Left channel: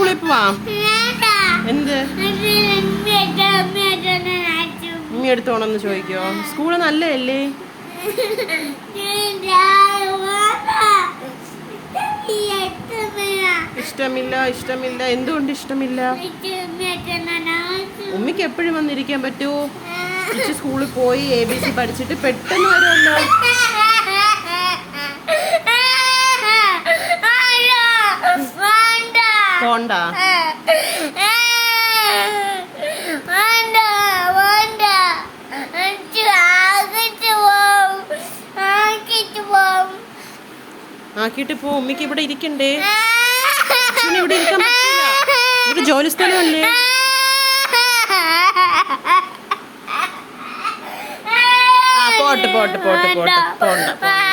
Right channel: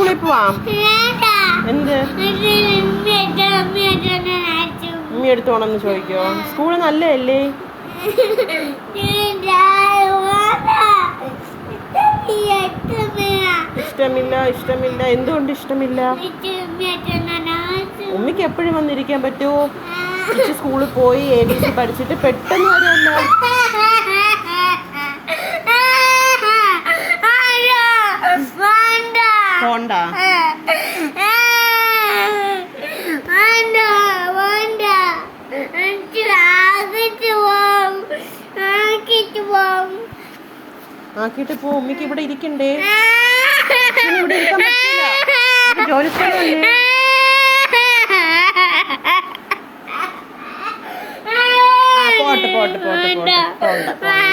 സ്കൂളിൽ പോവാം. എന്ത് ഉമ്മി എടുത്തോണെന്ന് ചോദിക്കോ? സ്കൂള് നല്ലതല്ലേ? ഇഷ്ടമില്ല. ഇഷ്ടമില്ല. എന്തുകൊണ്ട് ഇഷ്ടമില്ല? ഉമ്മിക്ക് എപ്പോഴും വന്നിരിക്കാൻ പറ്റുമോ? ചേച്ചി സ്കൂളിൽ പോയി ABC പഠിച്ചിട്ട് പെട്ടെന്ന് വരുമല്ലോ. പോണ്ട. ആക്കിയിട്ട് പോ. ഉമ്മിക്ക് ഇവിടെ ഇരിക്കണ്ടേ? ഇവിടെ ഇരിക്കാൻ പറ്റില്ല. ഇവിടെ ജോലി സ്ഥലമല്ലേ? പോട്ടെ പോട്ടെ പോട്ടെ പോട്ടെ പോണ്ട.